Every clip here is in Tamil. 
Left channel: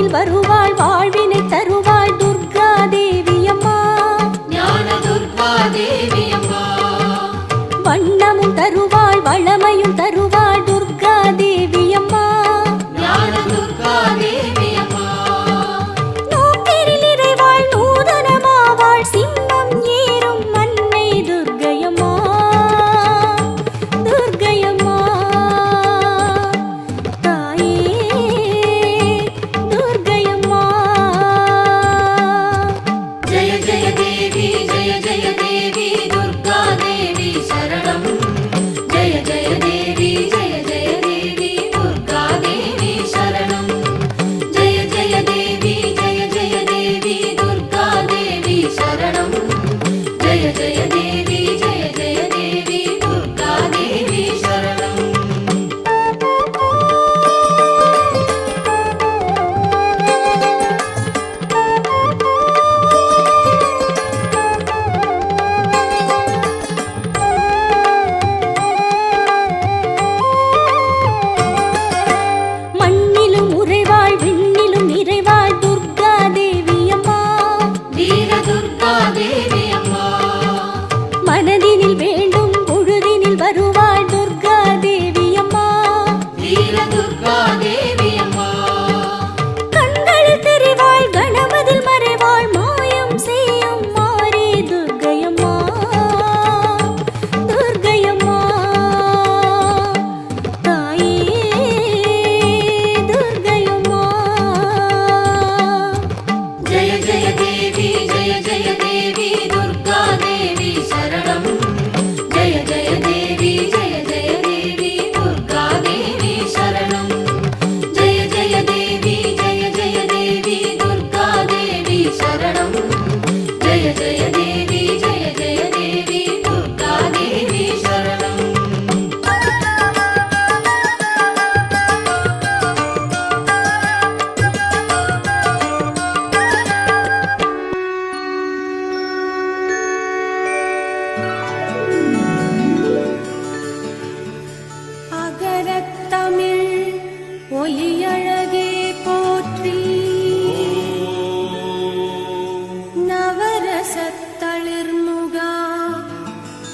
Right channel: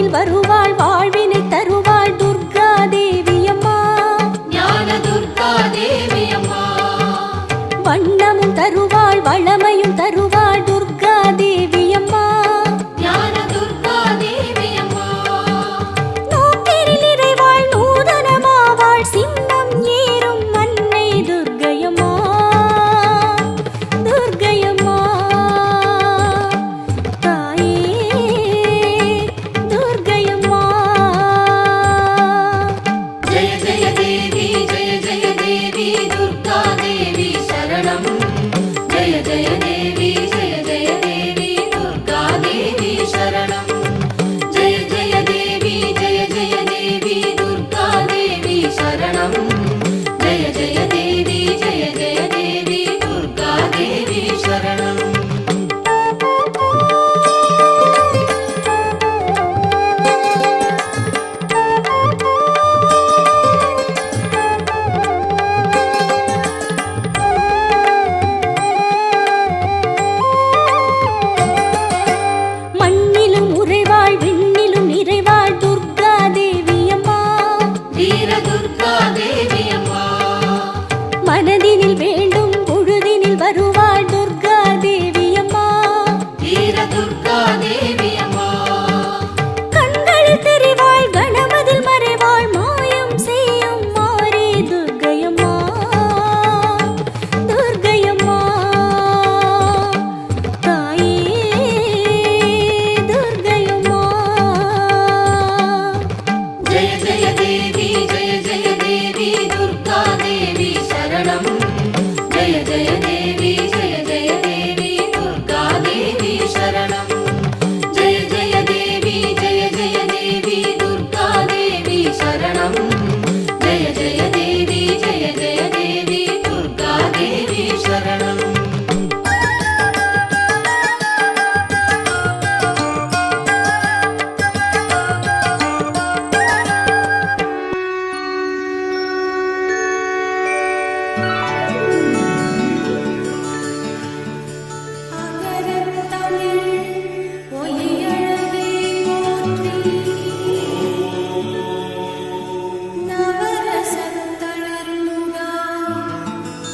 வாழ்வினில் வருவாள் வாழ்வினை தருவாள் துர்கா தேவியம்மா ஞான துர்கா தேவியம்மா வண்ணமும் தருவாள் வளமையும் தருவாள் துர்கா தேவியம்மா ஞான துர்கா தேவியம்மா நோக்கிரில் இறைவாள் நூதனமாவாள் சின்னம் ஏறும் அன்னை துர்க்கையம்மா துர்க்கையம்மா தாயே துர்க்கையம்மா ஜெய ஜெய தேவி ஜெய ஜெய தேவி துர்கா தேவி சரணம் ஜெய ஜெய தேவி ஜெய ஜெய தேவி துர்கா தேவி சரணம் ஜெய ஜெய தேவி ஜெய ஜெய தேவி துர்கா தேவி சரணம் ஜெய ஜெய தேவி ஜெய ஜெய தேவி துர்கா தேவி சரணம் மண்ணிலும் உறைவாள் விண்ணிலும் நிறைவாள் துர்கா தேவியம்மா வீர துர்கா தேவியம்மா மனதினில் வேண்டும் பொழுதினில் வருவாள் துர்கா தேவியம்மா வீர துர்கா தேவியம்மா கண்களில் தெரிவாள் கணமதில் மறைவாள் மாயம் செய்யும் மாறி துர்க்கையம்மா துர்க்கையம்மா தாயே துர்க்கையம்மா ஜெய ஜெய தேவி ஜெய ஜெய தேவி துர்கா தேவி சரணம் ஜெய ஜெய தேவி ஜெய ஜெய தேவி துர்கா தேவி சரணம் ஜெய ஜெய தேவி ஜெய ஜெய தேவி துர்கா தேவி சரணம் ஜெய ஜெய தேவி ஜெய ஜெய தேவி துர்கா தேவி சரணம் அகரத்தமிழ் ஒலியழகே போற்றி நவரசத்தளிர்முகா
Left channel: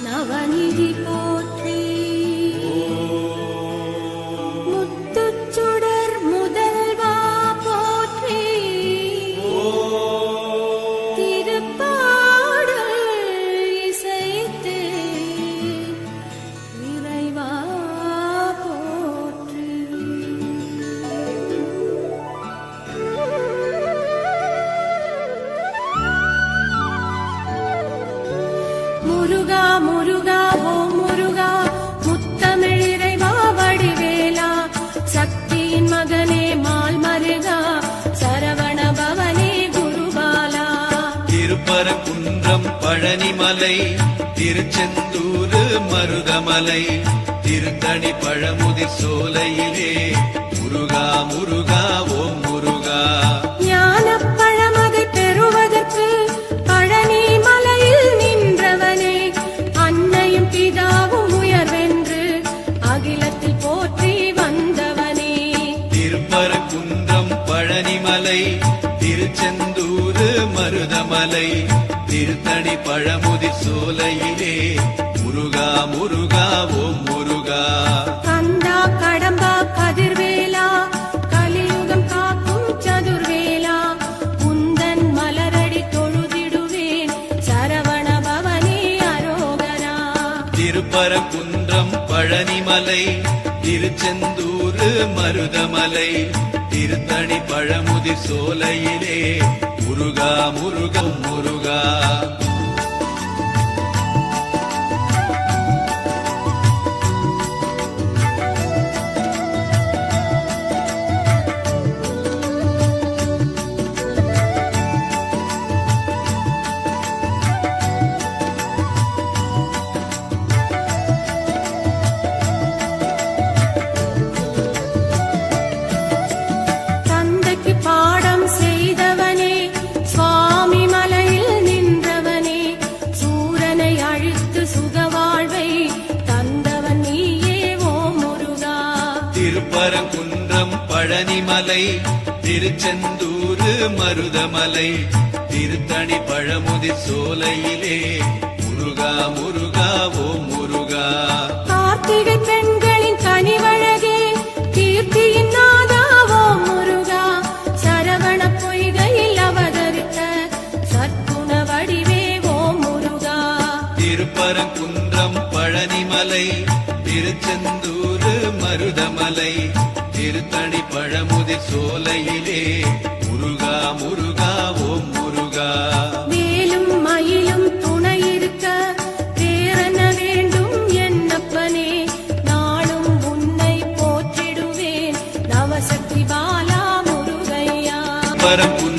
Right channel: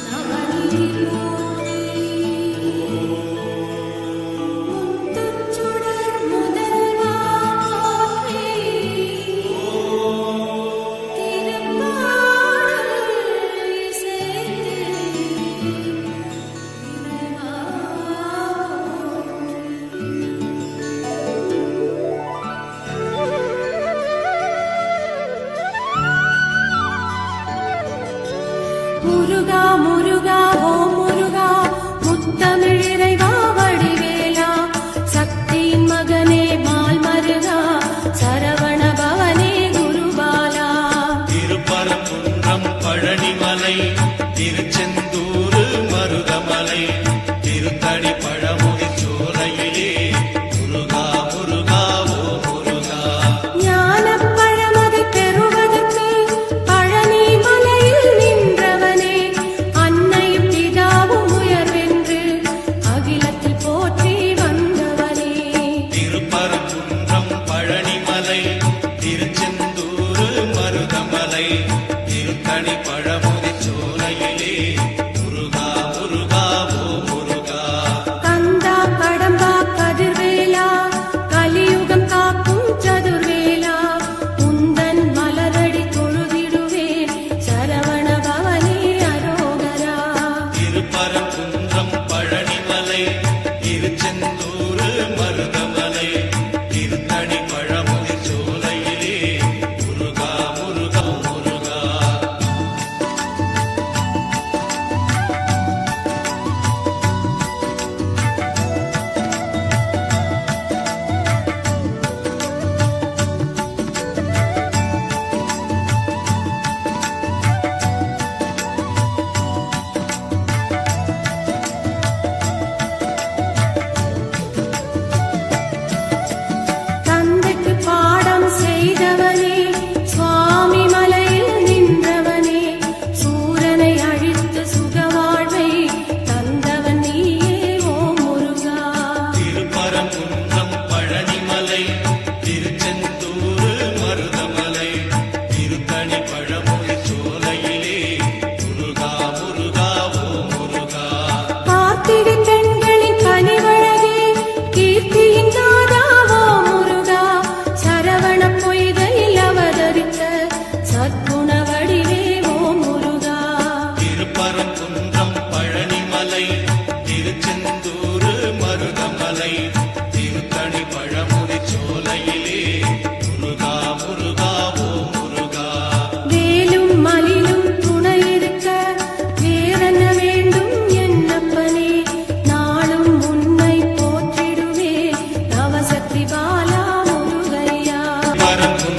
நவநிதி போற்றி முத்துச்சுடர் முதல்வா போற்றி திருப்பாடல் இசைத்து இறைவா போற்றி முருகா முருகா ஓ முருகா முத்தமிழ் இறைவா வடிவேலா சக்தியின் மகனே மால் மருகா சரவண பவனே குருபாலா திருப்பரங்குன்றம் பழனிமலை திருச்செந்தூர் மருதமலை திருத்தணி பழமுகை சோலையிலே முருகா முருகா ஓ முருகா ஞானப் பழமது பெறுவதற்கு பழனி மலையில் நின்றவனே அன்னையும் பிதாவும் உயர்வென்று அகிலத்தில் போற்றி வந்தவனே திருப்பரங்குன்றம் பழனிமலை திருச்செந்தூர் மருதமலை திருத்தணி பழமுகை சோலையிலே முருகா முருகா ஓ முருகா கந்தா கடம்பா கதிர்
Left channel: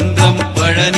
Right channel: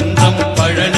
திருப்பரங்குன்றம் பழனி